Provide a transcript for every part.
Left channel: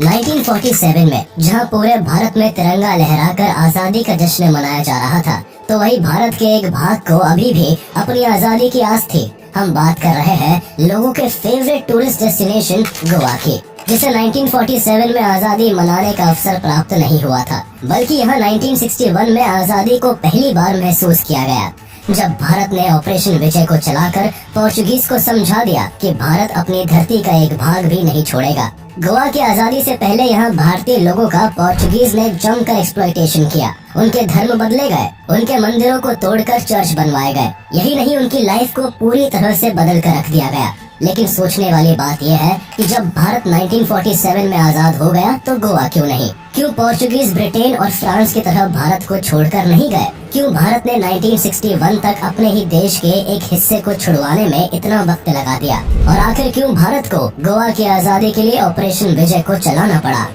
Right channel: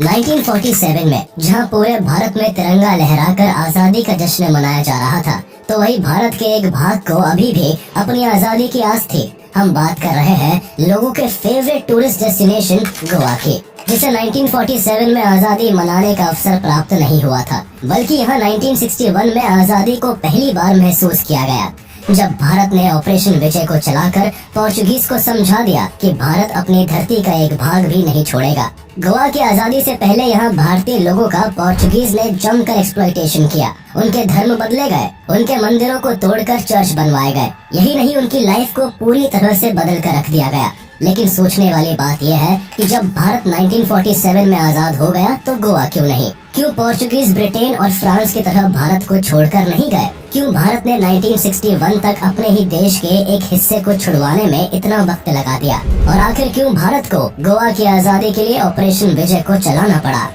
1947 में जहां पूरे भारत में तिरंगा लहराकर आजादी का जश्न मनाया जा रहा था, तो वही भारत के एक भाग को अभी भी अपनी आजादी की आस थी। हम बात कर रहे हैं लोगों के फेवरेट टूरिस्ट डेस्टिनेशन गोवा की, जिसे 1947 में आजादी मनाने का अवसर प्राप्त नहीं हुआ था, बल्कि यहाँ 1961 में आजादी को पहली बार महसूस किया गया, जब भारत ने ऑपरेशन विजय को चलाकर पोर्चुगीज को समझा दिया कि भारत अपनी धरती का एक भाग भी नहीं छोड़ेगा। गोवा की आजादी से पहले यहाँ भारतीय लोगों का पोर्चुगीज ने जमकर एक्सप्लॉयटेशन किया। उनके धर्म बदले गए, उनके मंदिरों को तोड़कर चर्च बनवाए गए। यही नहीं, उनकी लाइफ को पूरी तरह से बदल कर रख दिया गया। लेकिन सोचने वाली बात यह है कि जब भारत 1947 में आजाद हो गया तो गोवा क्यों नहीं? क्यों पोर्चुगीज ब्रिटेन और फ्रांस की तरह भारत को छोड़कर नहीं गए? क्यों भारत ने 1961 तक अपने ही देश के एक हिस्से को छुड़वाने में इतना वक्त लगा दिया? और आखिर क्यों भारत को गोवा की आजादी के लिए ऑपरेशन विजय को चलाना पड़ा?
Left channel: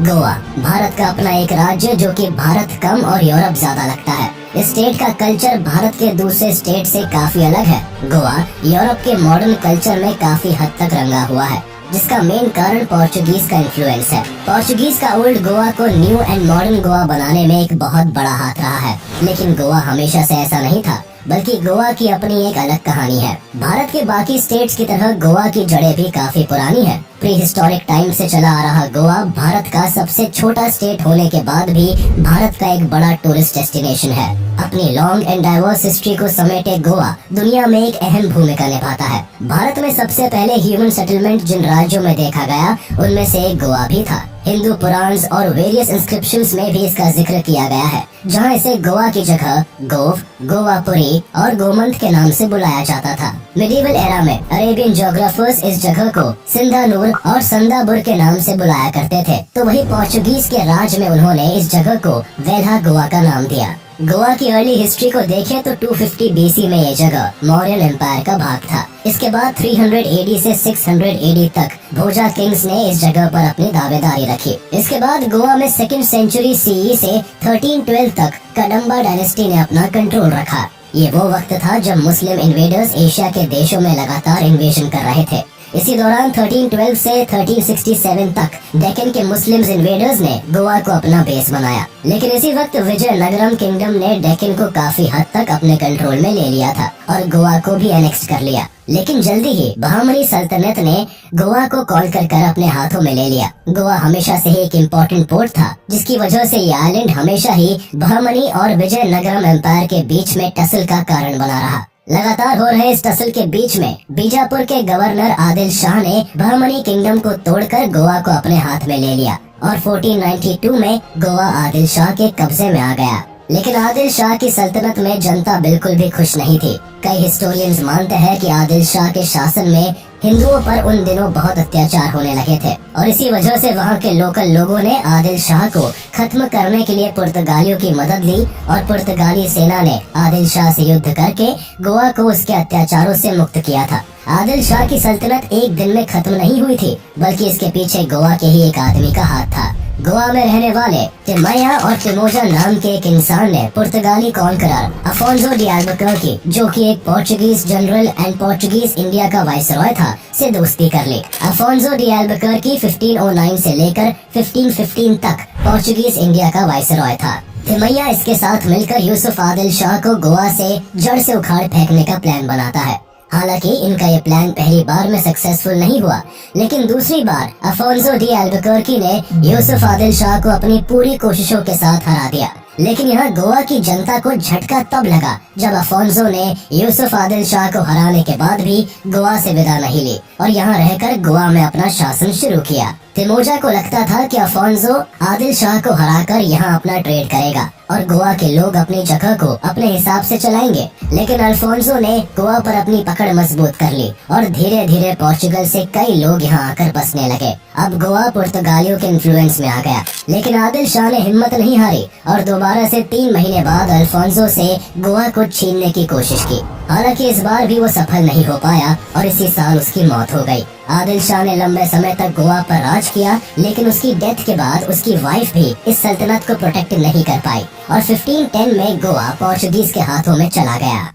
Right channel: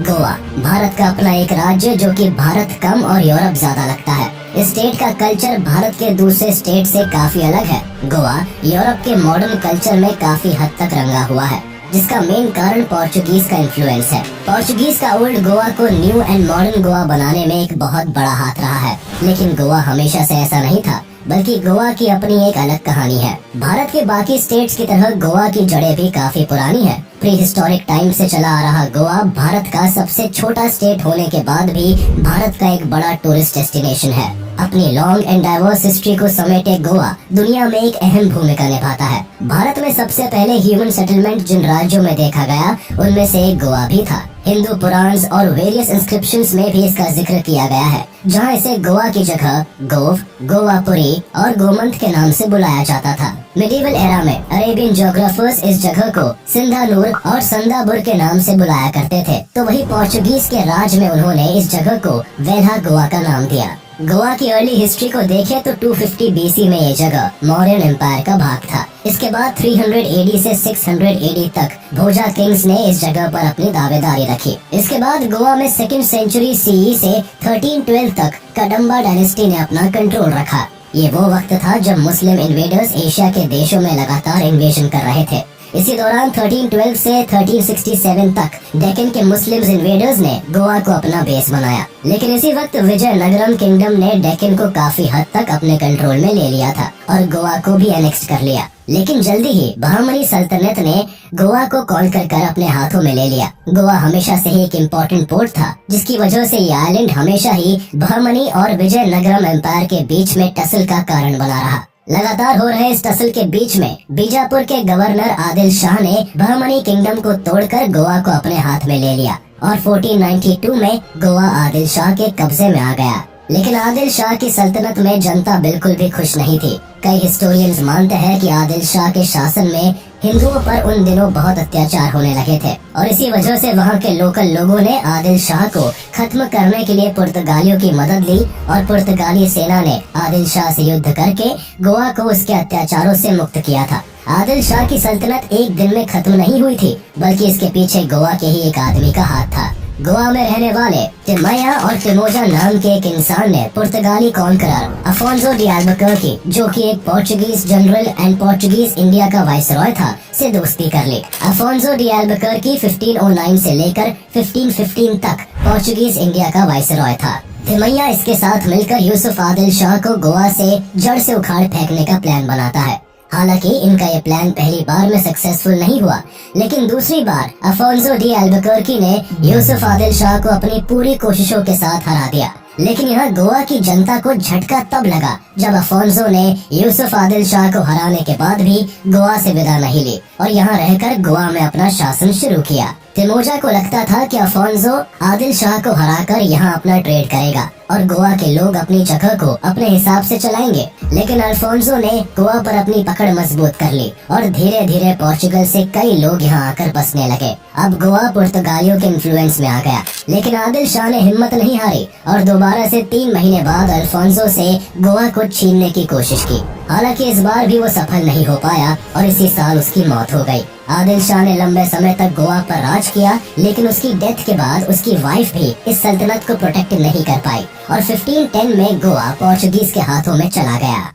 गोवा भारत का अपना एक राज्य, जो कि भारत कम और यूरोप ज्यादा लगता है। इस स्टेट का कल्चर भारत के दूसरे स्टेट से काफी अलग है। गोवा यूरोप के मॉडर्न कल्चर में काफी हद तक रंगा हुआ है, जिसका मेन कारण पोर्चुगीज का इन्फ्लुएंस है। पोर्चुगीज का ओल्ड गोवा को न्यू एंड मॉडर्न गोवा बनाने में एक बहुत बड़ा हाथ रहा है। लेकिन गोवा हमेशा से ऐसा नहीं था, बल्कि गोवा की अपनी एक अलग कहानी है। भारत के बाकी स्टेट्स की तरह गोवा की जड़ें भी काफी पुरानी है। प्री हिस्टोरिक टाइम से चला आ रहा गोवा भारत का सबसे छोटा स्टेट होने के बाद भी भारत का एक बड़ा टूरिस्ट डेस्टिनेशन है। अपनी लॉन्ग एंड डाइवर्स हिस्ट्री को समेटे गोवा दुनिया में एक अहम भूमिका निभाता है। भारत में सबसे पहले ह्यूमन सेटलमेंट जिन राज्यों में देखा गया, उनमें से एक गोवा भी था। हिंदू पुराण्स और वेरियस इंस्क्रिप्शंस में भी इसका जिक्र किया गया है, जहां इसे गोवा की जगह गोव, गोवापुरी और गोमंत के नाम से बुलाया जाता था। मिडीवल एरा में अरेबियन ज्योग्राफर्स इस जगह को सिंधानूर और संदाबुर के नाम से बुलाया करते थे, तो वही पोर्चुगीज के राज में उन्होंने इस जगह को वेल्हा गोवा का नाम दिया। गोवा की अर्ली हिस्ट्री को देखें तो 250 बीसी में ये जगह मौर्यन एम्पायर का भाग था। इसके बाद 300 एडी से 600 एडी तक भोजा किंग्स ने इस जगह पर अपनी दावेदारी रखी। इसके बाद गोवा में 2nd सेंचुरी सीई से 1312 तक कदम्बा डायनेस्टी ने अपना कंट्रोल रखा। ये वो वक्त था जब मुस्लिम इन्वेडर्स एशिया के देशों में लगातार इन्वेजन कर रहे थे। इसी दौरान 1312 से 1367 तक डेक्कन के मुस्लिम इन्वेडर्स ने गोवा को अपना बेस बनाया। लेकिन इसी वक्त विजयनगरम किंगडम ने डेक्कन को काफी हद तक अपने कंट्रोल में ले लिया था और गोवा को भी एनेक्स कर लिया। लेकिन जल्दी ही बहमनी सल्तनत ने गोवा को कॉल कर अपने हाथों में ले लिया। गोवा हमेशा से ही एक इम्पोर्टेंट पोर्ट था, जिसकी वजह से ये आइलैंड हमेशा ही बहमनी और विजयनगरम एम्पायर के बीच में टसल का कारण बना रहा। लगातार हो रहे इस टसल के बीच में बीजापुर के गवर्नर आदिल शाह ने बहमनी किंगडम को तोड़कर गोवा को अपने हाथ में ले लिया और 1492 में गोवा आदिल शाह के कब्जे में आ गया। लेकिन आदिल शाह की सल्तनत में जनता बिल्कुल भी खुश नहीं थी। कई हिस्टोरियंस मानते हैं कि आदिल शाह के शासन में हिंदुओं पर उन दिनों बहुत अत्याचार होने लगे थे और इसी वजह से वहाँ के लोकल लोगों ने आदिल शाह को खत्म करने के लिए पुर्तगालियों की मदद ली और पुर्तगाली सेना ने आदिल शाह से युद्ध करके गोवा को उसके अत्याचारों से मुक्त किया था। आदिल शाह की सल्तनत एक दिन में खत्म नहीं हुई थी, बल्कि इसके पीछे गोवा के ही एक आदमी का हाथ था। गोवा में रहने वाले टिमैया और टिमोजा नाम के एक इंसान ने पुर्तगाली कॉन्करर अफोंसो डी अल्बुकर्की, जो कि एक Portuguese general and Portuguese India का वाइसरॉय था, से दोस्ती कर ली। अफोंसो डी अल्बुकर्की 1509 से लेकर 1515 तक पोर्चुगीज इंडिया का वाइसरॉय था। टिमैया इसके साथ मिलकर यूसुफ आदिल शाह को गोवा से जड़ से उखाड़ फेंकने का प्लान बनाता है। हालांकि इनका ये प्लान पहली बार में सक्सेसफुल नहीं हुआ, लेकिन दूसरी बार अफोंसो डी अल्बुकर्की ने यूसुफ आदिल शाह को अपनी पूरी कोशिशों के साथ हरा दिया। लेकिन यहाँ गोवा की जनता को झटका तब लगा जब अफोंसो ने यूसुफ आदिल शाह को हराने के बाद भी गोवा से विदा नहीं ली और यहाँ रहकर गोवा में अपना शासन शुरू किया। तिमोजा को लगता था कि अफोंसो आदिल शाह को हराकर यहाँ अपना ट्रेड करेगा और गोवा के लोग अपनी जगह को अपने हिसाब से चलाएंगे। लेकिन अल्फोंसो ने गोवा पर अपनी पकड़ मजबूत कर ली और धीरे धीरे पोर्चुगल से कई लोग यहाँ आकर बसने लगे। अब गोवा पुर्तगालियों के इन्फ्लुएंस में आ गया। लेकिन आदिल शाह ने हिम्मत नहीं हारी और दोबारा से 3 महीने बाद अल्फोंसो से गोवा को छीनने की कोशिश की। हालांकि इस बार भी वो सफल नहीं हो पाया और इसी साल उसकी मौत हो गई। आदिल शाह ने लंबे समय तक गोवा पर राज किया, लेकिन उसकी डेथ के बाद उसकी वाइफ भी इस सल्तनत को प्रोटेक्ट नहीं कर पाई और 1510 में गोवा पोर्चुगीज के हाथों में चला गया।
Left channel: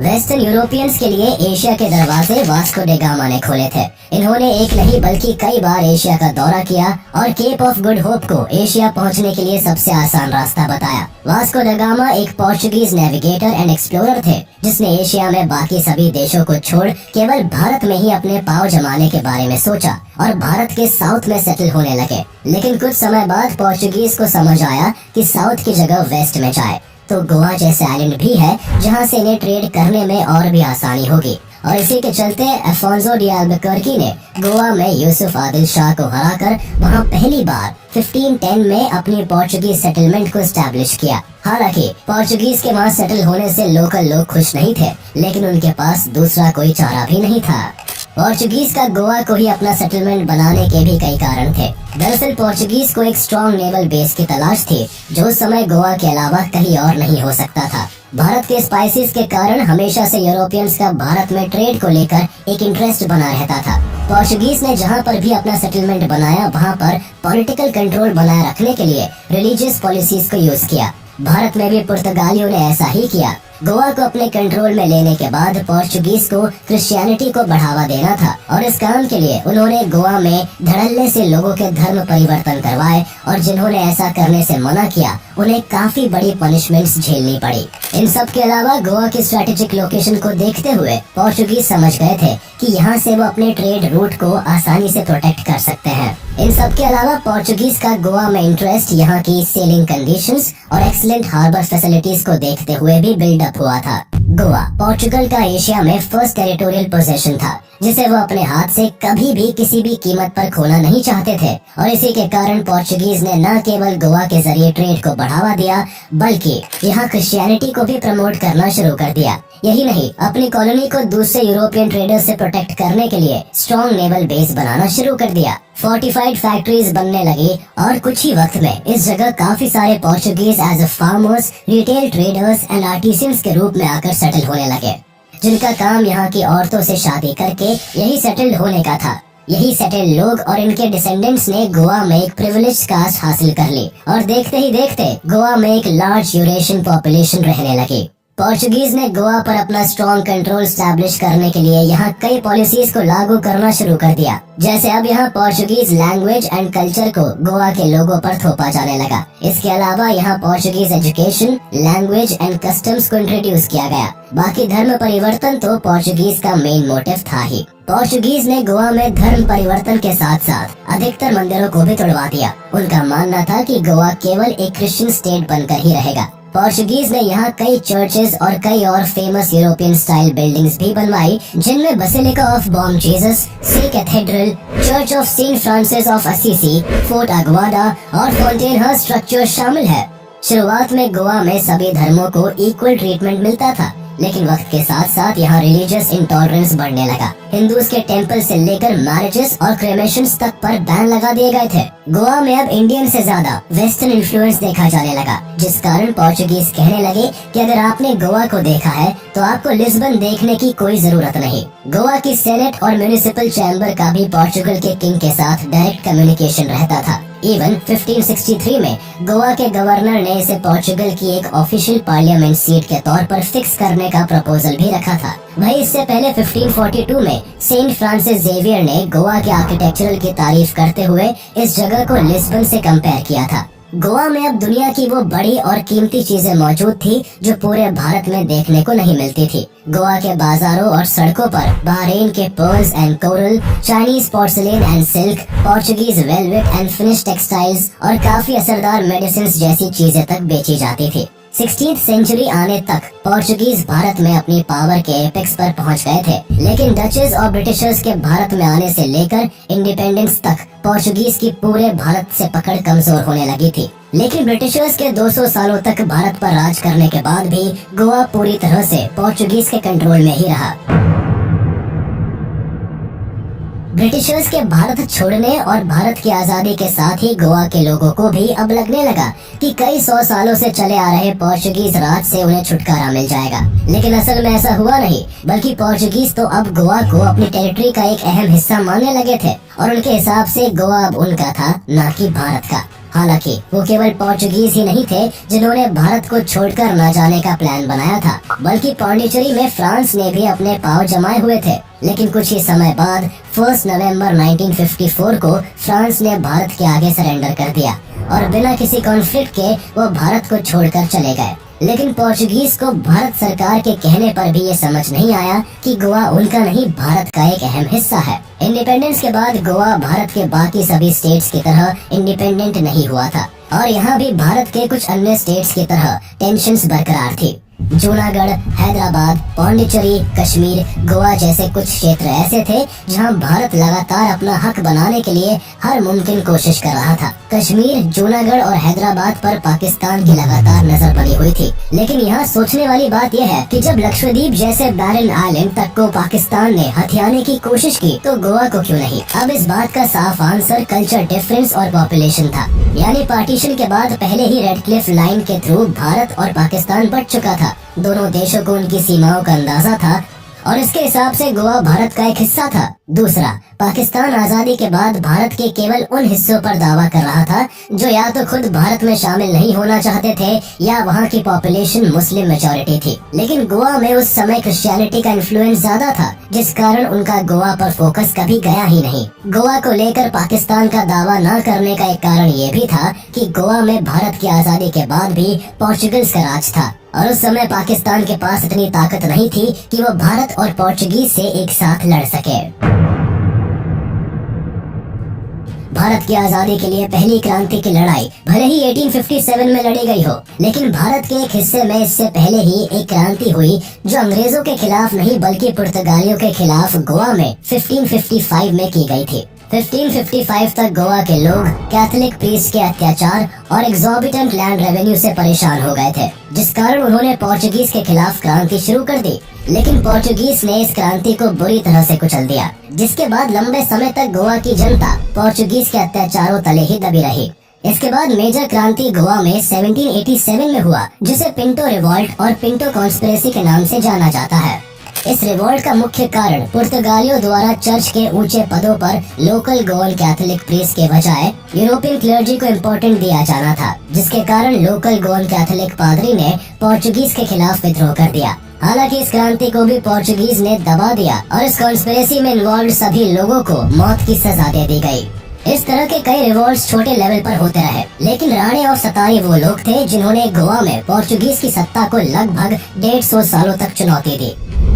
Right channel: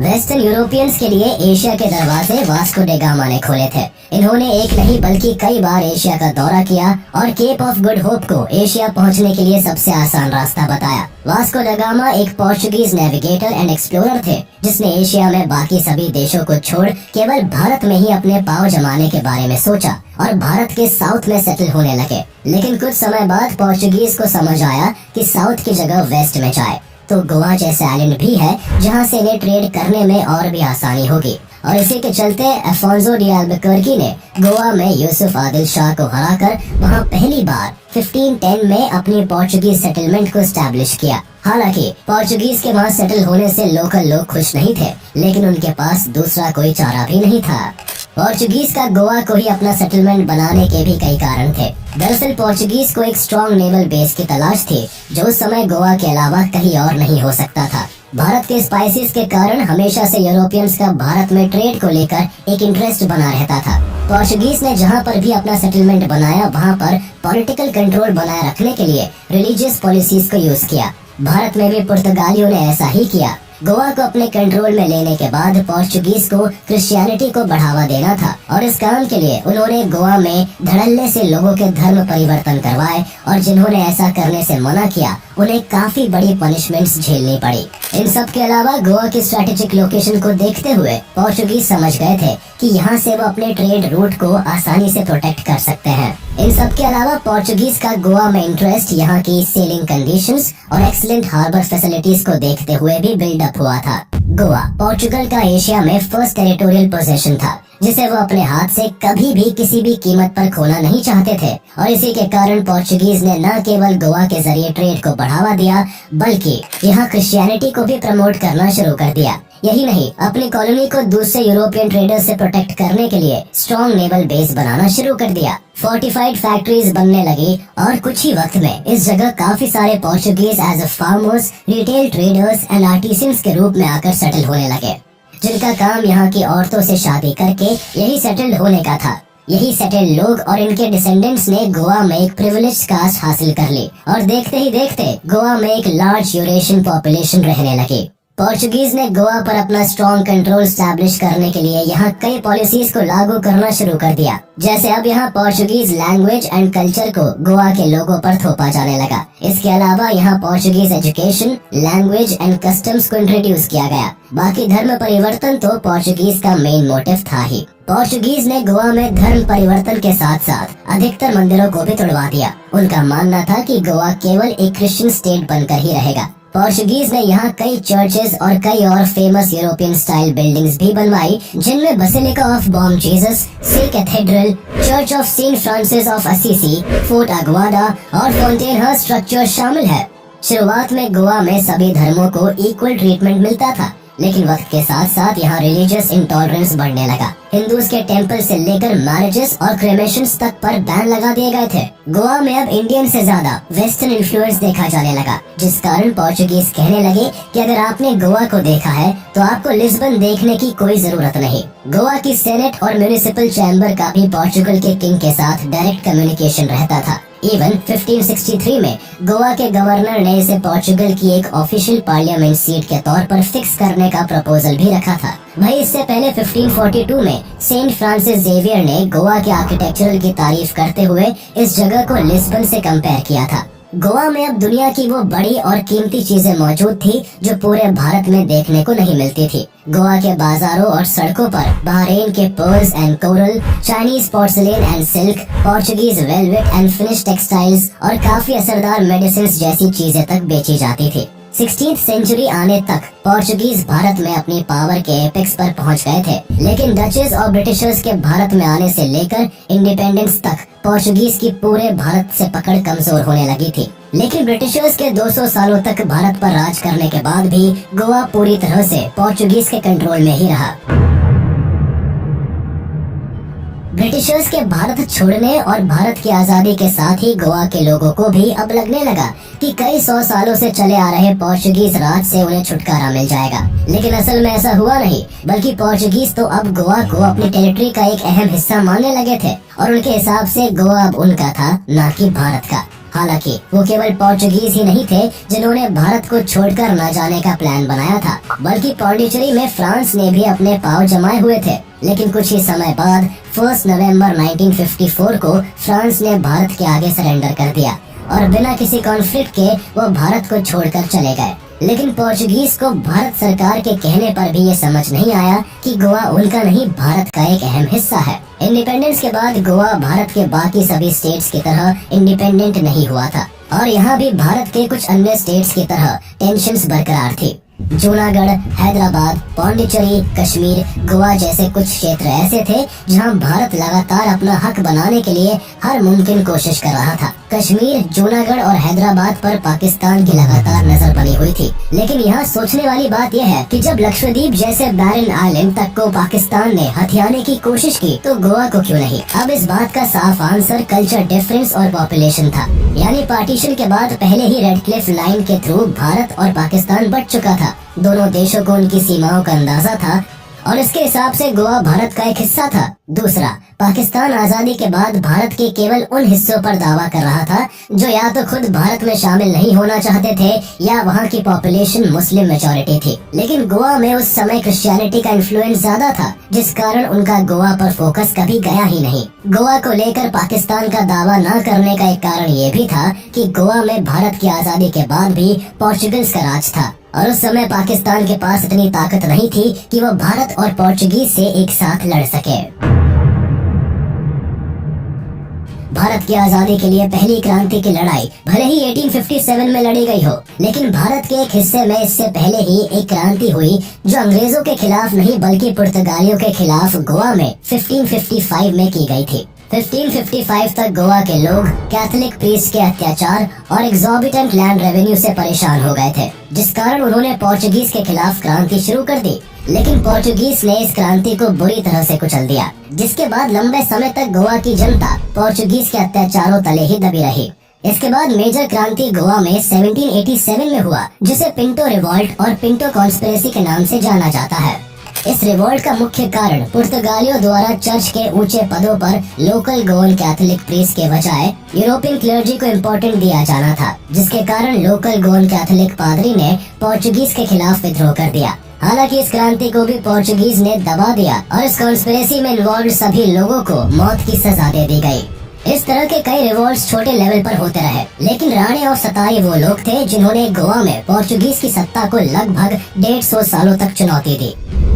वेस्टर्न यूरोपियंस के लिए एशिया के दरवाजे वास्को डे गामा ने खोले थे। इन्होंने एक नहीं बल्कि कई बार एशिया का दौरा किया और केप ऑफ गुड होप को एशिया पहुंचने के लिए सबसे आसान रास्ता बताया। वास्को डे गामा एक पोर्चुगीज नेविगेटर एंड एक्सप्लोरर थे जिसने एशिया में बाकी सभी देशों को छोड़ केवल भारत में ही अपने पांव जमाने के बारे में सोचा और भारत के साउथ में सेटल होने लगे। लेकिन कुछ समय बाद पोर्चुगीज को समझ आया कि साउथ की जगह वेस्ट में जाए तो गोवा जैसे आइलैंड भी है जहां से इन्हें ट्रेड करने में और भी आसानी होगी। और इसी के चलते अफोंसो डी अल्बुकर्की ने गोवा में यूसुफ आदिल शाह को हराकर वहां पहली बार 1510 में अपनी पोर्चुगीज सेटलमेंट को एस्टैब्लिश किया। हालांकि पोर्चुगीज के वहां सेटल होने से लोकल लोग खुश नहीं थे, लेकिन उनके पास दूसरा कोई चारा भी नहीं था। पोर्चुगीज का गोवा को ही अपना सेटलमेंट बनाने के भी कई कारण थे। दरअसल पोर्चुगीज को एक स्ट्रॉन्ग नेवल बेस की तलाश थी जो उस समय गोवा के अलावा कहीं और नहीं हो सकता था। भारत के स्पाइसेस के कारण हमेशा से यूरोपियंस का भारत में ट्रेड को लेकर एक इंटरेस्ट बना रहता था। पोर्चुगीज ने जहां पर भी अपना सेटलमेंट बनाया वहां पर पॉलिटिकल कंट्रोल बनाए रखने के लिए रिलीजियस पॉलिसीज को यूज किया। भारत में भी पुर्तगालियों ने ऐसा ही किया। गोवा को अपने कंट्रोल में लेने के बाद पोर्चुगीज को क्रिश्चियनिटी को बढ़ावा देना था और इस काम के लिए उन्होंने गोवा में धड़ल्ले से लोगों के धर्म परिवर्तन करवाए और जिन्होंने ऐसा करने से मना किया उन्हें काफी बड़ी पनिशमेंट्स झेलनी पड़ी। इन सब के अलावा गोवा की स्ट्रेटेजिक लोकेशन को देखते हुए पोर्चुगीज समझ गए थे कि यहाँ से वो अपने ट्रेड रूट को आसानी से प्रोटेक्ट कर सकते हैं। इन सब के अलावा पोर्चुगीज का गोवा में इंटरेस्ट यहाँ की सेलिंग कंडीशंस और एक्सीलेंट हार्बर फैसिलिटीज को देखते हुए भी बिल्डअप हुआ था। गोवा पोर्चुगल का एशिया में फर्स्ट टेरिटोरियल पोजेशन था जिसे वो अपने हाथ से कभी भी किसी भी कीमत पर खोना नहीं चाहते थे और इसी के कारण पोर्चुगीज ने न केवल गोवा के जरिए ट्रेड को बढ़ावा दिया बल्कि यहाँ क्रिश्चियनिटी को भी प्रमोट करना शुरू कर दिया। यही नहीं, अपनी कॉलोनी को दूसरे यूरोपियन ट्रेडर्स से प्रोटेक्ट करने के लिए स्ट्रॉन्ग नेवल बेस बनाना शुरू कर दिया। फोर्टिफाइड फैक्ट्रीज बनने लगी और कुछ ही वक्त में इस जगह काफी सारे Portuguese as a farmers, retail traders and artisans के रूप में आकर सेटल होने लगे, जिनका काम यहाँ की औरतों से शादी करके यही सेटल्ड होने का था। यही सेटल्ड लोग और इनके डिसेंडेंट्स ने गोवा में एक प्रिविलेज्ड कास्ट हासिल कर ली और देखते ही देखते गोवा में एक लार्ज यूरेशियन पॉपुलेशन रहने लगी। पोर्चुगीज ने गोवा पर अपना स्ट्रॉन्ग कंट्रोल स्टैब्लिश करने के लिए यहाँ कई पॉलिसीज को लागू करना शुरू कर दिया। जैसे अब यहाँ पोर्चुगीज लैंग्वेज एंड कल्चर को गोवा के लोगों पर थोपा जाने लगा। इसके अलावा यहाँ Portuguese education, language and customs को इंट्रोड्यूस किया गया। बाकी धर्म परिवर्तन तो पोर्चुगीज का मेन मोटिव था ही। पोर्चुगीज ने गोवा में धर्म परिवर्तन के साथ साथ अधिकतर मंदिरों को भी तोड़वा दिया। उनका मानना था कि गोवा केवल एक क्रिश्चियन स्टेट बनकर ही रहेगा। पोर्चुगीज ने यहाँ कई चर्चेज और कई और फेमस यूरोपियन स्टाइल बिल्डिंग्स भी बनवाई, जिनमें Basilica of Bom Jesus, Se Cathedral, Church of Saint Francis of Assisi, Fort Aguada और फाउंटेनहर्स्ट स्ट्रक्चर शामिल है। शुरुआत में गोवा में सभी धर्मों को इक्वल ट्रीटमेंट मिलता था, लेकिन वक्त के साथ साथ यहाँ रिलीजियस इंटॉलरेंस बढ़ने लगा। हिंदूज के टेंपल से लेकर मैरिजेस और क्रेमेशंस तक पर बैन लगा दिए गए थे। गोवा में अब इंडियन से ज्यादा वेस्टर्न इन्फ्लुएंस देखा जाने लगा, जिस कारण पोर्चुगीज कहने लगे कि अगर आपने गोवा को देखा है तो आपको लिस्बन देखने की कोई जरूरत नहीं। गोवा की सेनेट और म्युनिसिपल चैम्बर का भी पोर्चुगल के किंग के साथ डायरेक्ट कम्युनिकेशन रहता था। इवन 1563 में गोवा के गवर्नर ने इसे पोर्चुगल की एक ऑफिशियल पार्लियामेंट सीट के तौर पर फिक्स करने का प्रपोजल भी रखा था। वही इससे पहले 1542 में सेंट फ्रांसिस जेवियर ने गोवा के आर्किटेक्चरल की तारीफ करते हुए इस जगह को लिस्बन से कंपेयर किया था। गोवा में अब दुनिया की वो बड़ी और कीमती चीजें मौजूद थी जो पूरे भारत में देखने को नहीं मिलती थी। गोवा के बाजारों और सड़कों पर बहरीन के pearls and coral, Chinese porcelain and silk, Portuguese velvet and finish textiles और काफी असरदार मेडिसिन जैसी चीजें तक बेची जाती थी। 16th सेंचुरी आने तक पोर्चुगीज भारत में अपनी पावर के एपेक्स पर पहुंच गए थे, लेकिन डचेस और ब्रिटिशर्स के भारत में आने से लेकर इंडिपेंडेंस तक पोर्चुगीज की पूरे भारत से पकड़ कमजोर होने लगी थी। लेकिन ब्रिटिशर्स के 200 सालों तक भारत पर राज करने के बाद भी गोवा पूरी तरह से पोर्चुगीज के कंट्रोल में ही रहा। ब्रिटिशर्स के भारत छोड़ने और भारत की आजादी के साथ ही गोवा के लोगों को भी अब लगने लगा कि कई 100 सालों से चले आ रहे पोर्चुगीज राज से उन्हें छुटकारा मिल जाएगा। लेकिन असल में ऐसा हुआ नहीं, बल्कि पोर्चुगीज तो अब गोवा को अपनी टेरिटरी का एक अहम हिस्सा मानने लगे थे और उनके हिसाब से गोवा अब उनका था, न कि भारत का। हालांकि वो केवल पोर्चुगीज ही नहीं थे जिन्होंने भारत को छोड़कर न जाने का प्लान बनाया था, बल्कि पौंडीचेरी में फ्रांस ने भी अपने पांव जमाए हुए थे। लेकिन कुछ ही समय बाद 1 नवंबर 1954 को फ्रांस ने भारत के आगे सरेंडर कर दिया और बिना किसी कॉन्फ्लिक्ट के वो भारत को छोड़कर चले गए। लेकिन पोर्चुगीज को भारत सरकार के कहने पर भी ये समझ नहीं आया कि गोवा उनका नहीं, भारत का एक अहम हिस्सा है। इंडिपेंडेंस के बाद गोवा भारत के बाकी सभी स्टेट्स की तरह इंडिपेंडेंट नहीं हुआ था और यहाँ भी भारत के कुछ अन्य स्टेट्स की तरह टेंशन्स बरकरार थी। जूनागढ़, हैदराबाद, पौंडीचेरी, कश्मीर, गोवा जैसे कुछ क्षेत्र ऐसे थे जहां भारत लगातार अपना हक बनाने के लिए हर मुमकिन कोशिश कर रहा था। कश्मीर, जूनागढ़ और हैदराबाद पर पाकिस्तान की लगातार नजर बनी हुई थी। लेकिन यहाँ सोचने वाली बात यह है कि जब लक्षद्वीप जैसे बैरन आइलैंड तक को पाकिस्तान ने हथियाने की कोशिश की तो गोवा को क्यों नहीं? अब इस बात का साफ आंसर कल्चर डिफरेंस और पॉपुलेशन था। यानी पार्टीशन के बाद पहले ही रेड क्लिफ लाइन के थ्रू भारत और पाकिस्तान बट चुका था। दोनों देशों को उनकी सीमाओं का अंदाजा था और इसके हिसाब से गोवा भारत का एक हिस्सा था। दूसरा, पाकिस्तान आजादी के बाद भारत के केवल उन हिस्सों पर दावा कर रहा था जो या तो खुद भारत में शामिल नहीं होना चाहते थे या वहाँ की पॉपुलेशन मुस्लिम मेजॉरिटी थी। लेकिन गोवा में उस समय क्रिश्चियनिटी का इन्फ्लुएंस ज्यादा था, जिस कारण उनका गोवा पर फोकस कभी गया ही नहीं। गोवा को लेकर पाकिस्तान का दावा न करने का एक कारण ये भी था कि गोवा में भारत की आजादी के बाद भी पोर्चुगल्स का राज था और उस समय पाकिस्तान के पास इतनी ताकत नहीं थी कि वो भारत और पोर्चुगीज से एक साथ लड़ सके। भारत की आजादी के लिए पहली क्रांति की लड़ाई भले ही 1857 में लड़ी गई हो, लेकिन भारत के एक हिस्से में इससे पहले ही एक क्रांति हुई जो अंग्रेजों के खिलाफ नहीं बल्कि पुर्तगालियों के खिलाफ गोवा में 1555 में की गई थी। 1555 तक गोवा के लोग कैथोलिक प्रीस्ट के अत्याचार और एग्जॉर्बिटेंट लैंड रेवेन्यू से परेशान हो गए थे, जिस कारण उन्होंने पोर्चुगीज के खिलाफ क्रांति शुरू कर दी। लेकिन पोर्चुगीज ने इस क्रांति को बुरी तरह से कुचल दिया, जिसके बाद लंबे समय तक गोवा की जनता पोर्चुगीज के अत्याचारों तले ही दबी रही। इसके बाद मेजर क्रांति गोवा में 1787 में हुआ, जिसे पिंटो रिवॉल्ट और पिंटो कॉन्स्पिरेसी के नाम से जाना जाता है। इस रिवॉल्ट का मुख्य कारण पुर्तगालियों द्वारा चर्च के ऊंचे पदों पर लोकल गोवन कैथोलिक प्रीस्ट के बजाय यूरोपियन क्लर्जी को इम्पोर्टेंट दिया जाना था, जिसके कारण लोकल गोवन कैथोलिक पादरी ने पोर्चुगीज के खिलाफ विद्रोह कर दिया। हालांकि इस क्रांति को भी पोर्चुगीज ने दबा दिया और इस कॉन्स्पिरेसी में इन्वॉल्व सभी लोगों को मौत की सजा दे दी गई। इस तरह के कई रिवॉल्ट्स छोटे लेवल पर होते रहे, लेकिन राणे और सताई वो लोग थे जिन्होंने गोवा में पोर्चुगीज की सत्ता को लगभग 150 सालों तक चुनौती दी।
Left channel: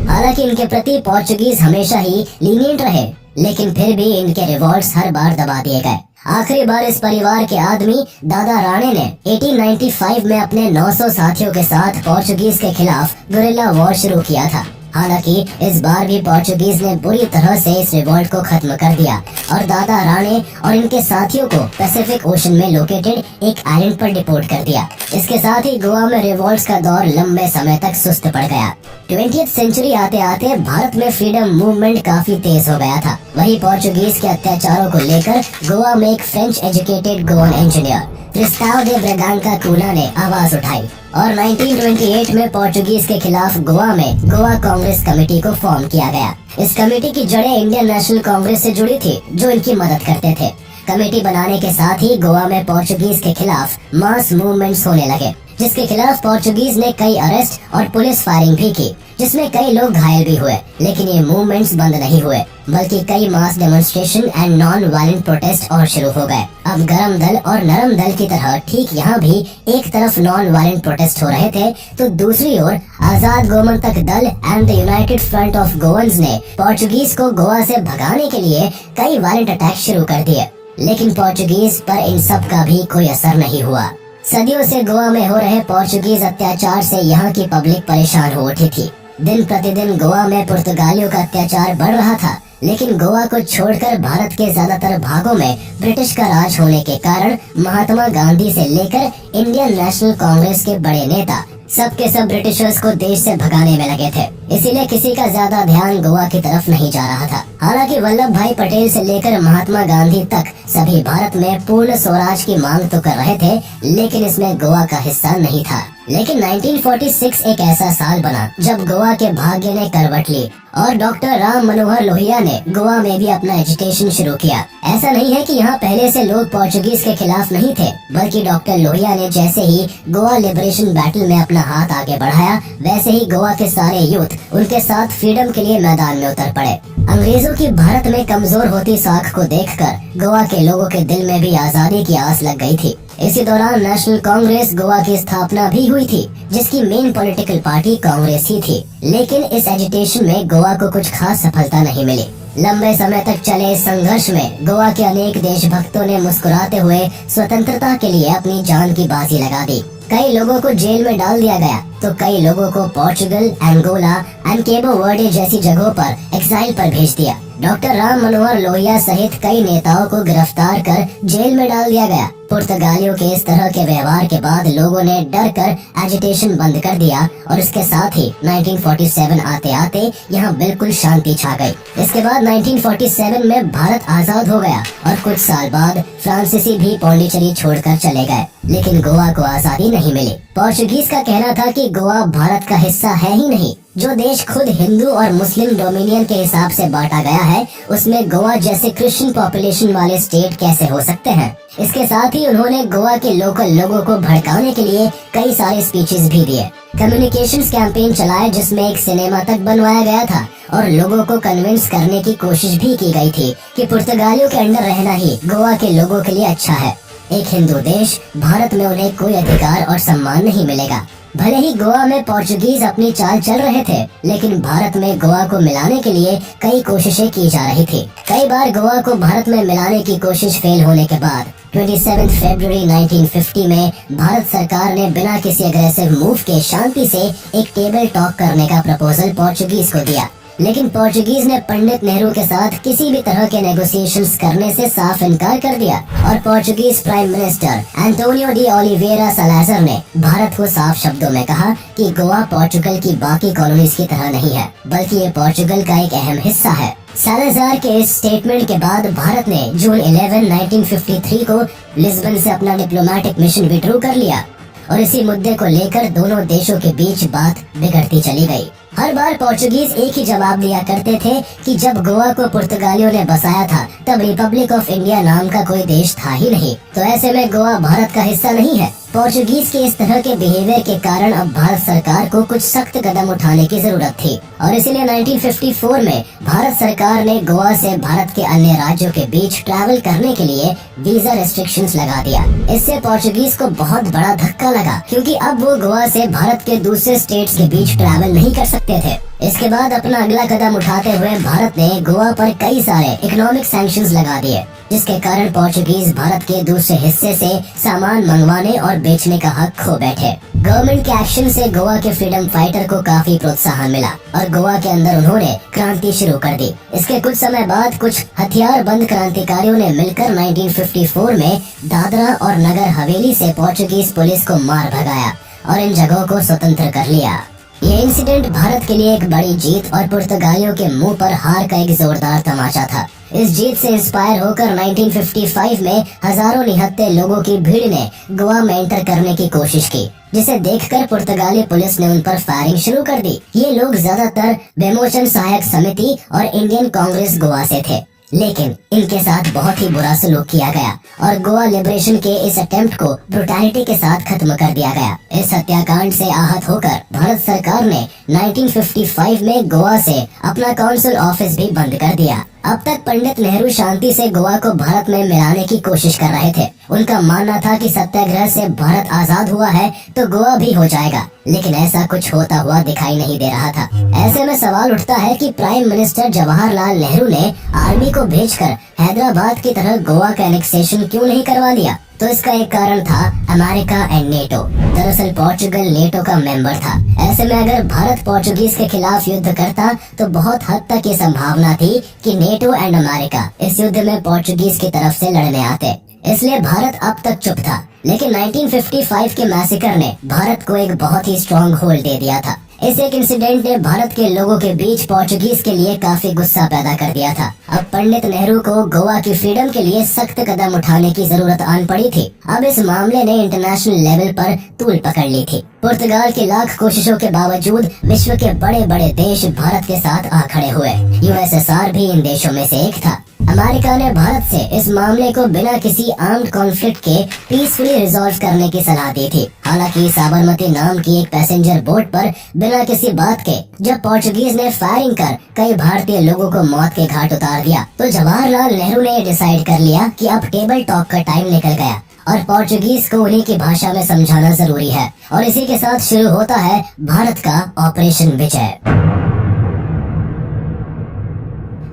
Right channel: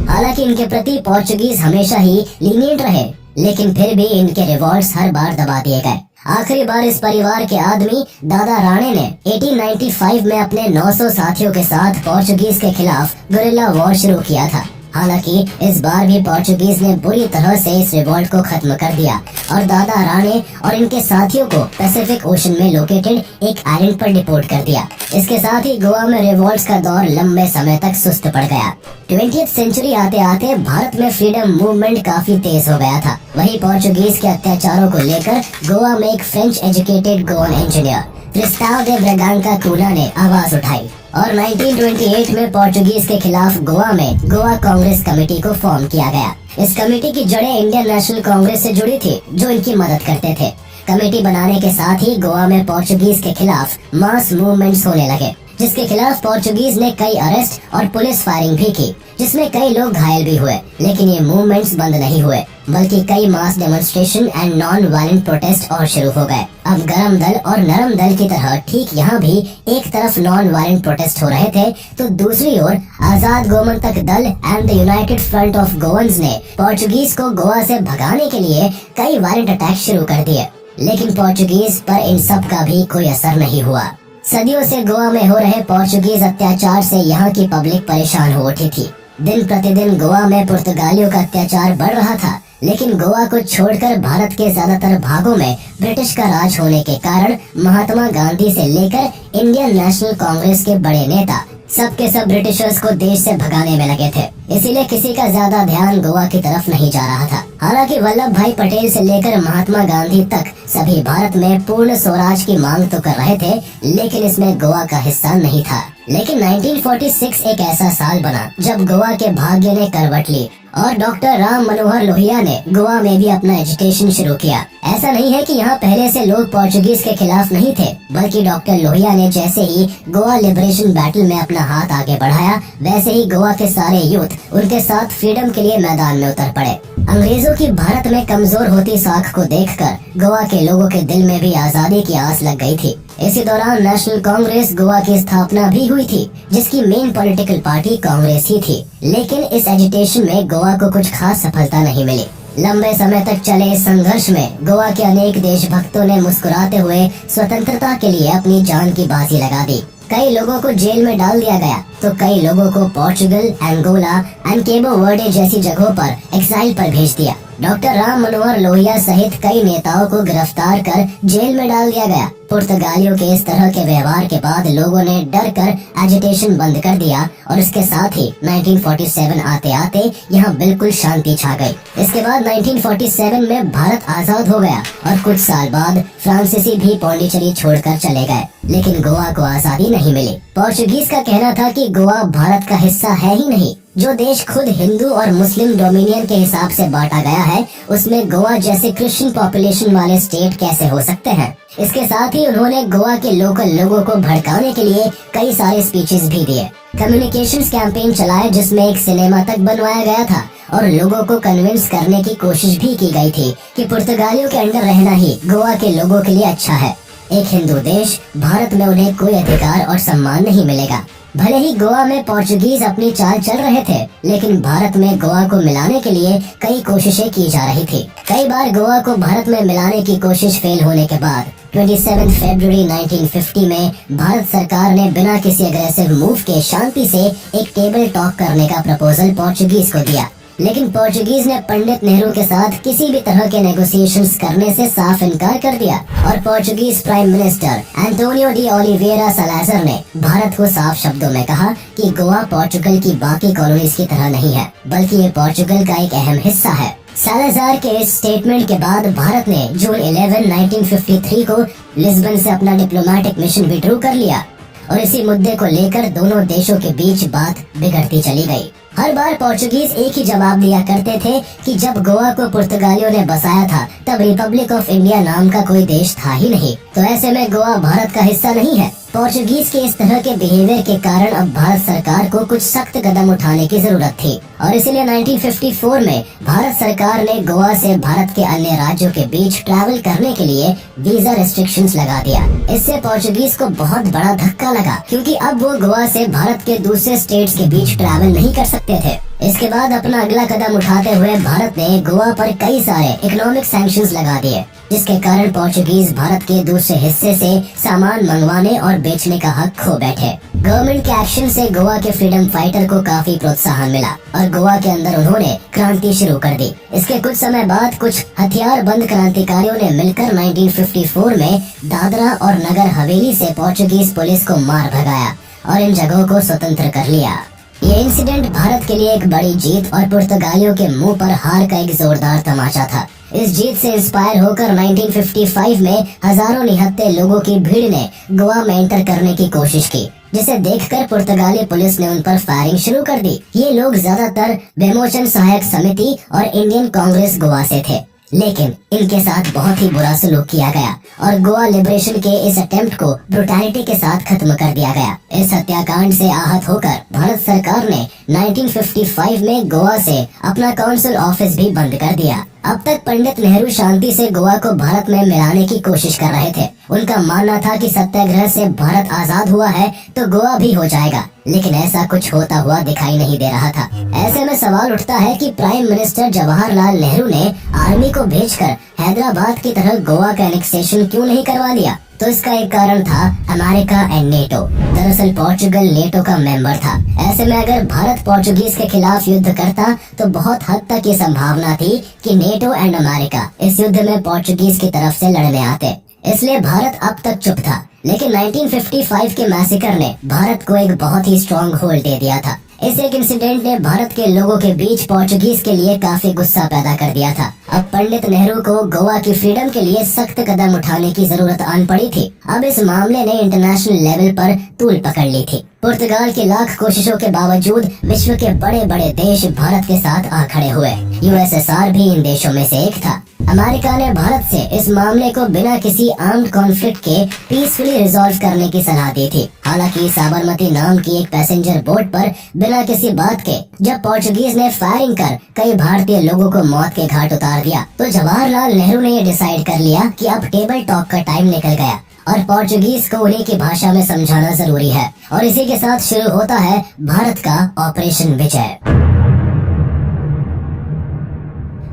हालांकि इनके प्रति पोर्चुगीज हमेशा ही लीनियंट रहे, लेकिन फिर भी इनके रिवॉल्ट्स हर बार दबा दिए गए। आखिरी बार इस परिवार के आदमी दादा राणे ने 1895 में अपने 900 साथियों के साथ पोर्चुगीज के खिलाफ गुरिल्ला वॉर शुरू किया था। हालांकि इस बार भी पोर्चुगीज ने बुरी तरह से इस रिवॉल्ट को खत्म कर दिया और दादा राणे और इनके साथियों को पैसिफिक ओशन में लोकेटेड एक आइलैंड पर डिपोर्ट कर दिया। इसके साथ ही गोवा में रिवॉल्ट्स का दौर लंबे समय तक सुस्त पड़ गया। 20th सेंचुरी आते आते भारत में फ्रीडम मूवमेंट काफी तेज हो गया था। वही पोर्चुगीज के अत्याचारों को लेकर गोवा में एक फ्रेंच एजुकेटेड गोवन इंजीनियर क्रिस्टाओ दे ब्रेगांका कूला ने आवाज उठाई और 1928 में पोर्चुगीज के खिलाफ गोवा में गोवा कांग्रेस कमेटी को फॉर्म किया गया। इस कमेटी की जड़ें इंडियन नेशनल कांग्रेस से जुड़ी थी, जो इनकी मदद करते थे। कमेटी बनाने के साथ ही गोवा में पोर्चुगीज के खिलाफ मास मूवमेंट्स होने लगे, जिसके खिलाफ पोर्चुगीज ने कई अरेस्ट और पुलिस फायरिंग भी की, जिसमें कई लोग घायल भी हुए। लेकिन ये मूवमेंट्स बंद नहीं हुए, बल्कि कई mass demonstration and non violent protest और शुरू हो गए। अब गरम दल और नरम दल की तरह ठीक यहाँ भी एक तरफ नॉन वायलेंट प्रोटेस्ट हो रहे थे, तो दूसरी ओर आजाद गोमंतक दल and the United front of गोवंस ने पोर्चुगीज को गोवा से भगाने के लिए कई वायलेंट अटैक शुरू कर दिए। लेकिन पोर्चुगीज पर इन सब का भी कोई असर नहीं हुआ। सदियों से गोवा में हो रहे पोर्चुगीज अत्याचार से यहाँ की पब्लिक परेशान हो उठी थी। दिन प्रतिदिन गोवा में पुर्तगालियों का अत्याचार बढ़ रहा था, लेकिन गोवा को छोड़कर भारत के ज्यादातर भागों में ब्रिटिश का राज होने के कारण महात्मा गांधी से लेकर इंडियन नेशनल कांग्रेस के बड़े नेता सबके सब ब्रिटिशर्स को देश से भगाने में लगे थे। इसीलिए किसी का ज्यादा ध्यान गोवा की तरफ नहीं जा रहा था। हालांकि वल्लभ भाई पटेल से लेकर महात्मा गांधी तक सभी भारत में पूर्ण स्वराज की मांग तो कर रहे थे, लेकिन इसमें गोवा का हिस्सा नहीं था। लेकिन 1946 एक ऐसा साल बना जब गोवा के भाग्य ने करवट ली और डॉक्टर राम मनोहर लोहिया ने गोवा में भी अपना एजिटेशन शुरू किया। ऐसा नहीं है कि यहाँ पहले से लोग पोर्चुगीज के खिलाफ नहीं थे, बल्कि डॉक्टर लोहिया ने जैसे ही गोवा लिबरेशन बैटल में अपना हाथ आगे बढ़ाया, वैसे ही गोवा के सारे यूथ उनके साथ फ्रीडम के लिए मैदान में उतर पड़े। अंग्रेजों की भारत में कमजोर होती साख को देखकर गोवा के लोगों के दिल में भी आजादी की आस लग गई थी। इसी दौरान नेशनल कांग्रेस गोवा की स्थापना भी हुई थी, जिसकी मेन पॉलिटिकल पार्टी कांग्रेस ही थी। लेकिन इस एजिटेशन में गोवा को कुछ खास सफलता नहीं मिली। लंबे समय तक चले इस संघर्ष में गोवा के अनेक देशभक्तों ने मुस्कुराते हुए स्वतंत्रता के लिए अपनी जान की बाजी लगा दी। कई लोगों को जेल में डाल दिया गया, तो कई लोगों को पोर्चुगल, एंगोला एंड केबो वर्डे जैसी जगहों पर एक्साइल पर भेज दिया। डॉक्टर राम मनोहर लोहिया सहित कई नेताओं को गिरफ्तार कर जेल में डाल दिया गया। पुर्तगालियों के इस तरह के व्यवहार के बाद लोगों ने डर कर एजिटेशन बंद कर दिया और इसके साथ ही 1947 आते आते यहाँ बिल्कुल शांति छा गई। इसके बाद 1947 में भारत आजाद हो गया और कुछ साल बाद फ्रांसीसी भी पौंडीचेरी छोड़कर चले गए, लेकिन गोवा को आजादी नहीं मिली। पोर्चुगीज का कहना था कि गोवा भारत का हिस्सा है ही नहीं। जो देश खुद हिंदू और मुस्लिम डोमिनियन के हिसाब से बांटा गया है, उसमें गोवा जैसे क्रिश्चियन पॉपुलेशन वाले स्टेट कैसे हो सकते हैं। इसके साथ ही उन्होंने गोवा के लोकल लोगों को भड़काने के लिए कई सारे स्पीचेस भी दिए। कम्युनिकेशंस कैंपेन चलाए, जिसमें एक सिनेमा तक बनवाया गया था और लोगों को कन्विंस करने की कोशिश भी की गई थी कि पुर्तगालियों के अंडर रहना ही गोवा के लोगों के लिए अच्छा है। एक हिंदू देश भारत में उन्हें कोई अधिकार और सम्मान नहीं मिलेगा। भले ही गोवा में पोर्चुगीज अपनी चाल चल रहे थे, लेकिन भारत में गोवा को मिलाने के लिए कई कोशिशें की जा रही थी। कई बार गोवा को भारत में मिलाने की कोशिश फेल होने के बाद 27 फरवरी 1950 में भारत सरकार ने बिना किसी अग्रेसिव मूव के शांति से एक टेबल टॉक करने का प्रपोजल पोर्चुगीज को दिया। लेकिन पोर्चुगीज ने पंडित नेहरू के साथ किसी भी तरह के नेगोशिएशंस करने से साफ इनकार कर दिया और Portuguese prime minister Antonio de Oliveira Salazar ने भारत को साफ शब्दों में कहा कि गोवा पोर्चुगल की बाकी कॉलोनीज की तरह नहीं है, बल्कि ये पोर्चुगल का एक अहम हिस्सा है। सालाज़ार के इस स्टेटमेंट के बाद भारत ने जून 11, 1953 को लिस्बन से अपना डिप्लोमेटिक मिशन विड्रॉ कर लिया और इसी मुद्दे को लेकर दोनों देशों के बीच बात बिगड़ती चली गई। हर बार पोर्चुगीज एक ही जवाब दिया करते थे कि जब गोवा को पुर्तगालियों ने बसाया था, तब रिपब्लिक ऑफ इंडिया नाम का कोई देश था ही नहीं, तो ऐसे में गोवा भारत का हिस्सा नहीं है। पोर्चुगीज के इस तरह के बिहेवियर के कारण अब भारत सरकार को कुछ सख्त कदम उठाने की जरूरत थी और इसीलिए 1954 में भारत सरकार ने गोवा से भारत के अन्य राज्यों के बीच ट्रैवल करने के लिए वीजा रेस्ट्रिक्शंस लगा दिया। इससे पोर्चुगीज को बहुत बड़ा धक्का लगा, क्योंकि अब वो गोवा से भारत के दूसरे स्टेट्स के बीच ट्रैवल नहीं कर सकते थे। इसके बाद अपना अगला कदम उठाते हुए भारत ने गोवा पर कई सारे इकोनॉमिक सैंक्शंस लगा दिए, जिसके कारण पोर्चुगीज भारत के दूसरे हिस्से से सामान मंगवाने और बेचने का हक खो बैठे। गवर्नमेंट के एक्शन से गोवा के फ्रीडम फाइटर को काफी प्रोत्साहन मिला और गोवा के अंदर उन्होंने क्रांति शुरू कर दी। इसके कुछ समय बाद कुछ हथियारबंद क्रांतिकारियों ने मिलकर 1954 में दादरा और नगर हवेली से पोर्चुगीज पुलिस को मार भगाया और इन जगहों को स्वतंत्र कर लिया। ये इंसिडेंट भारत के लिए एक बड़ी जीत और पुर्तगालियों के मुंह पर हार का एक जोरदार तमाचा था। इस जीत से इंस्पायर होकर 1955 में हजारों निहत्थे लोगों की भीड़ ने गोवा में एंटर करने की कोशिश की, जिसे देखकर पुर्तगाली पुलिस ने उन पर फायरिंग शुरू कर दी। ये लोग ज्यादातर विमोचन सहायक समिति और इंडियन कांग्रेस गोवा से थे, लेकिन इनके साथ बहुत ही बुरा सलूक किया गया और गोवा लिबरेशन के इस अटेम्प्ट को ब्रुटैलिटी के साथ खत्म कर दिया गया। इस हत्याकांड से आहत होकर भारत सरकार ने 1955 में गोवा से अपना काउंसिल ऑफिस भी बंद कर दिया। अब तक पंडित नेहरू शांति से गोवा को भारत में मिलाने की कोशिश कर रहे थे। उनका मानना था कि सत्याग्रह से भारत आजाद हुआ है तो गोवा भी हो जाएगा, लेकिन ऐसा कुछ होता हुआ दिखाई नहीं दे रहा था। ऐसे में सवाल उठता है कि प्राइम मिनिस्टर जवाहरलाल नेहरू ने आर्मी को भेजकर हैदराबाद की तरह गोवा का एनेक्सेशन क्यों नहीं करवा लिया। तो इसका एक कारण था अमेरिका एंड नेटो। दरअसल पोर्चुगल नेटो का मेंबर था। ऐसे में अगर भारत पोर्चुगीज के खिलाफ युद्ध करता तो बहुत हद तक ये संभावना थी कि नेटो एंड अमेरिका इस युद्ध में पोर्चुगीज की तरफ से लड़ने आते। इसलिए भारत अब तक चुप था। लेकिन 1955 के मैसेकर ने भारत को एक बहुत ही स्ट्रॉन्ग होल्ड दे दिया था। इस एक इंसिडेंट ने भारत के लोगों के बीच पोर्चुगीज के लिए काफी गुस्सा पैदा कर दिया था। अब पंडित नेहरू को गोवा की फ्रीडम के लिए सख्त कदम उठाने की जरूरत आन पड़ी थी। अब इस मामले ने इंटरनेशनल लेवल पर तूल पकड़ ली थी। पुर्तगाल की लाख कोशिशों के बावजूद विश्व के बड़े बड़े देश भारत के साथ आ खड़े हुए। यूएसएसआर भी इन देशों में से एक था। अमेरिका ने भारत से इस मामले को बिना किसी आर्म्ड कॉन्फ्लिक्ट के पीसफुली रिजॉल्व करने की सलाह दी थी। हालांकि साबरमती नाम की एक पैसेंजर बोट पर बिना किसी बात के जब पोर्चुगीज ने फायरिंग कर कई भारतीय लोगों को मौत के घाट उतार दिया, तो जवाहरलाल नेहरू ने डिसाइड कर लिया कि अब टेबल टॉक का टाइम निकल गया और पोर्चुगीज को उन्हीं की भाषा में समझाना जरूरी है। और इसी के साथ शुरू होता है भारत का ऑपरेशन विजय।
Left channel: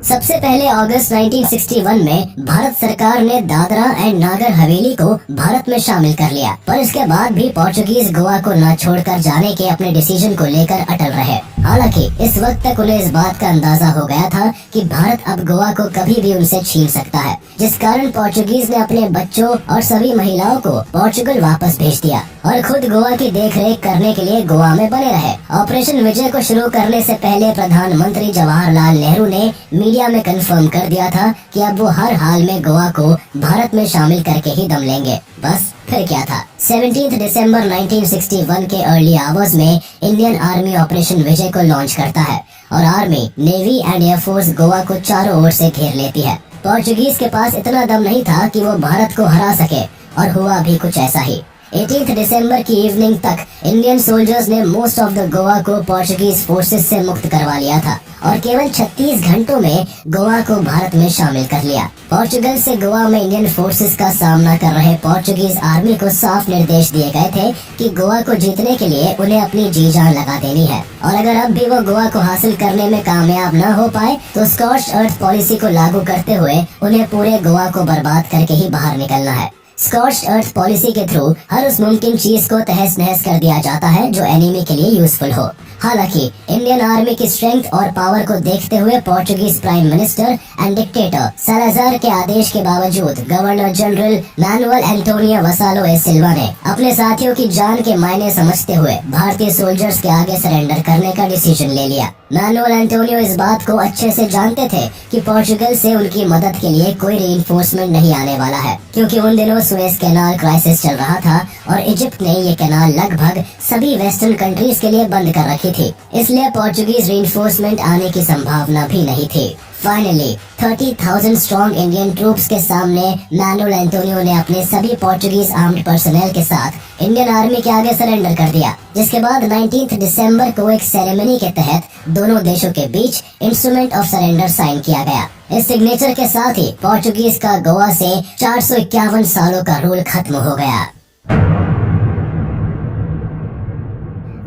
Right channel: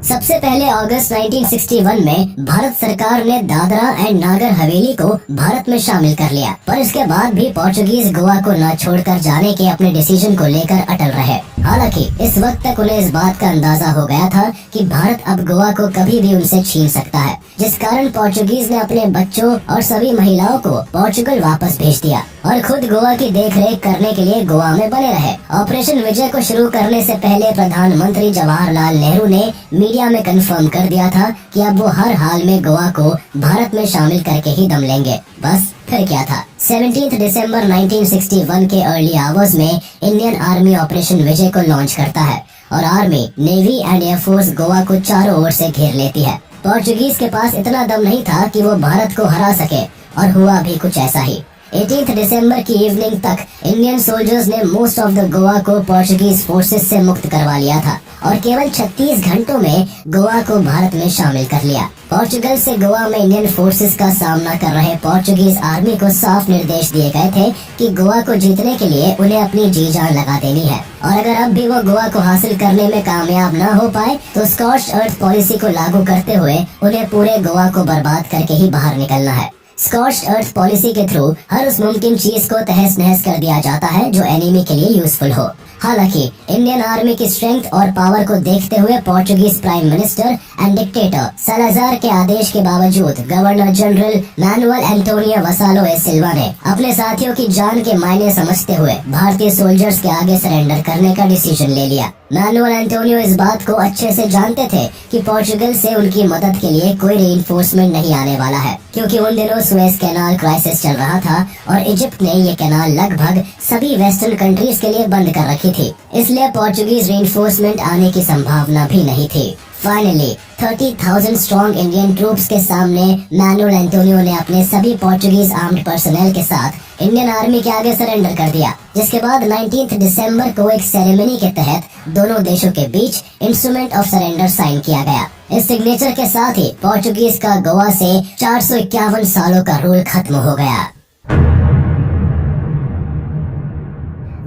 सबसे पहले अगस्त 1961 में भारत सरकार ने दादरा एंड नागर हवेली को भारत में शामिल कर लिया, पर इसके बाद भी पोर्चुगीज गोवा को न छोड़कर जाने के अपने डिसीजन को लेकर अटल रहे। हालांकि इस वक्त तक उन्हें इस बात का अंदाजा हो गया था कि भारत अब गोवा को कभी भी उनसे छीन सकता है, जिस कारण पोर्चुगीज ने अपने बच्चों और सभी महिलाओं को पोर्चुगल वापस भेज दिया और खुद गोवा की देखरेख करने के लिए गोवा में बने रहे। ऑपरेशन विजय को शुरू करने से पहले प्रधानमंत्री जवाहरलाल नेहरू ने मीडिया में कंफर्म कर दिया था कि अब वो हर हाल में गोवा को भारत में शामिल करके ही दम लेंगे। बस फिर क्या था। 17 दिसंबर 1961 के अर्ली आवर्स में इंडियन आर्मी ऑपरेशन विजय को लॉन्च करता है और army, navy and air force Goa को चारों ओर से घेर लेती है। पोर्चुगीज के पास इतना दम नहीं था कि वो भारत को हरा सके और हुआ भी कुछ ऐसा ही। 18 दिसंबर की इवनिंग तक इंडियन सोल्जर्स ने मोस्ट ऑफ द गोवा को पोर्चुगीज फोर्सेस से मुक्त करवा लिया था और केवल 36 घंटों में गोवा को भारत में शामिल कर लिया। पोर्चुगल से गोवा में इंडियन फोर्सेस का सामना कर रहे पोर्चुगीज आर्मी को साफ निर्देश दिए गए थे कि गोवा को जीतने के लिए उन्हें अपनी जी जान लगा देनी है और अगर अब भी वो गोवा को हासिल करने में कामयाब न हो पाए तो स्कॉच्ड अर्थ पॉलिसी को लागू करते हुए उन्हें पूरे गोवा को बर्बाद करके ही बाहर निकलना है। स्कॉच्ड अर्थ पॉलिसी के थ्रू हर उस मुमकिन चीज को तहस नहस कर दिया जाता है जो एनिमी के लिए यूजफुल हो। हालांकि इंडियन आर्मी की स्ट्रेंथ और पावर को देखते हुए Portuguese prime minister and dictator Salazar के आदेश के बावजूद गवर्नर जनरल मैनुअल एंटोनियो वसालो ए सिल्वा ने अपने साथियों की जान के मायने समझते हुए भारतीय सोल्जर्स के आगे सरेंडर करने का डिसीजन ले लिया। मैनुअल एंटोनियो इस बात को अच्छे से जानते थे कि पोर्चुगल से उनकी मदद के लिए कोई रीइंफोर्समेंट नहीं आने वाला है, क्योंकि उन दिनों सुएज कैनाल क्राइसिस चल रहा था और इजिप्ट ने ये कैनाल लगभग सभी वेस्टर्न कंट्रीज के लिए बंद कर रखी थी, इसलिए पोर्चुगीज रीइंफोर्समेंट आने की संभावना भी नहीं थी। फाइनली 30,000 स्ट्रॉन्ग इंडियन ट्रूप्स के सामने मैनुअल एंटोनियो ने अपने सभी पोर्चुगीज आर्म्ड पर्सनल के साथ इंडियन आर्मी के आगे सरेंडर कर दिया, जिसके बाद 19 दिसंबर को एक सेरेमनी के तहत दोनों देशों के बीच इंस्ट्रूमेंट ऑफ सरेंडर साइन किया गया। इस सिग्नेचर के साथ ही पोर्चुगीज का गोवा से 451 सालों का रूल खत्म हो गया।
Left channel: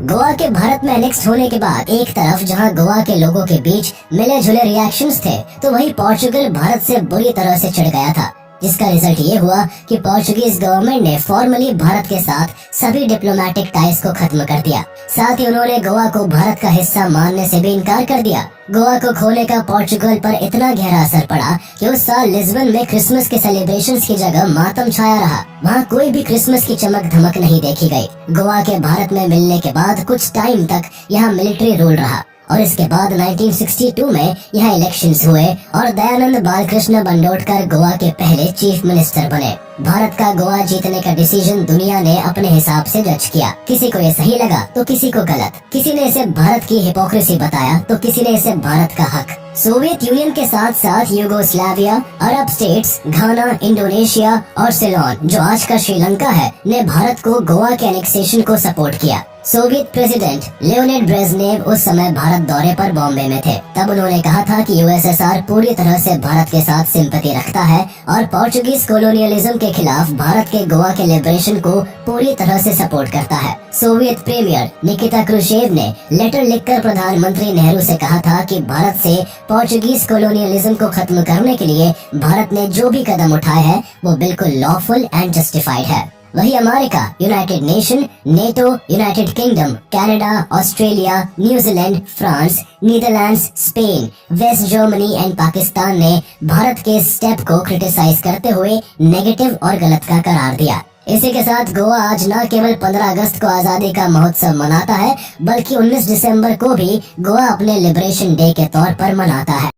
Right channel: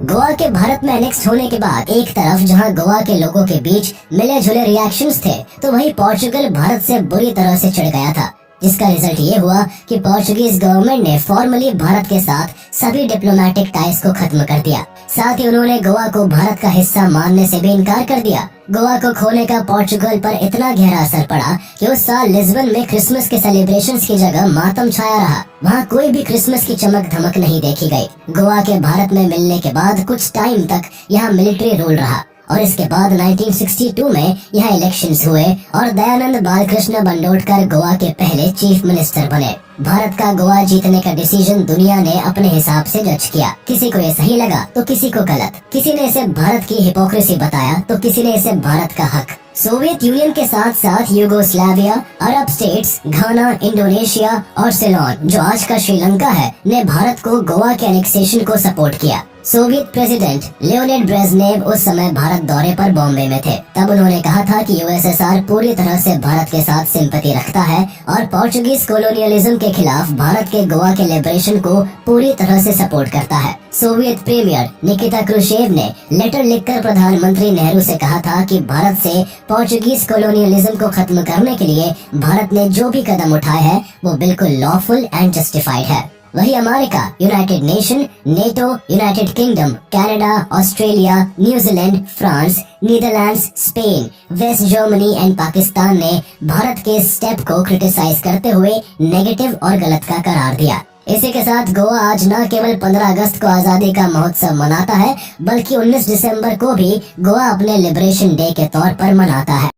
गोवा के भारत में एनेक्स होने के बाद एक तरफ जहां गोवा के लोगों के बीच मिले जुले रिएक्शंस थे, तो वहीं पोर्चुगल भारत से बुरी तरह से चिढ़ गया था, जिसका रिजल्ट ये हुआ कि पोर्चुगीज गवर्नमेंट ने फॉर्मली भारत के साथ सभी डिप्लोमेटिक टाइज को खत्म कर दिया। साथ ही उन्होंने गोवा को भारत का हिस्सा मानने से भी इनकार कर दिया। गोवा को खोने का पोर्चुगल पर इतना गहरा असर पड़ा कि उस साल लिस्बन में क्रिसमस के सेलिब्रेशंस की जगह मातम छाया रहा। वहाँ कोई भी क्रिसमस की चमक धमक नहीं देखी गई। गोवा के भारत में मिलने के बाद कुछ टाइम तक यहाँ मिलिट्री रूल रहा और इसके बाद 1962 में यहाँ इलेक्शंस हुए और दयानंद बालकृष्ण बंडोडकर गोवा के पहले चीफ मिनिस्टर बने। भारत का गोवा जीतने का डिसीजन दुनिया ने अपने हिसाब से जज किया। किसी को ये सही लगा तो किसी को गलत, किसी ने इसे भारत की हिपोक्रेसी बताया तो किसी ने इसे भारत का हक। सोवियत यूनियन के साथ साथ यूगोस्लाविया, अरब स्टेट्स, घाना, इंडोनेशिया और सिलोन, जो आज का श्रीलंका है, ने भारत को गोवा के एनेक्सेशन को सपोर्ट किया। सोवियत प्रेसिडेंट लियोनिड ब्रेजनेव उस समय भारत दौरे पर बॉम्बे में थे। तब उन्होंने कहा था कि यूएसएसआर पूरी तरह से भारत के साथ सिंपैथी रखता है और पोर्चुगीज कोलोनियलिज्म के खिलाफ भारत के गोवा के लिबरेशन को पूरी तरह से सपोर्ट करता है। सोवियत प्रीमियर निकिता क्रुश्चेव ने लेटर लिखकर प्रधानमंत्री नेहरू से कहा था कि भारत से पोर्चुगीज कोलोनियलिज्म को खत्म करने के लिए भारत ने जो भी कदम उठाए हैं वो बिल्कुल लॉफुल एंड जस्टिफाइड है। वही America, United Nation, NATO, United Kingdom, Canada, Australia, New Zealand, France, Netherlands, Spain, West Germany and Pakistan ने भारत के स्टेप को क्रिटिसाइज करते हुए नेगेटिव और गलत का करार दिया। इसी के साथ गोवा आज न केवल 15 अगस्त को आजादी का महोत्सव मनाता है, बल्कि 19 दिसंबर को भी गोवा अपने लिबरेशन डे के तौर पर मनाता है।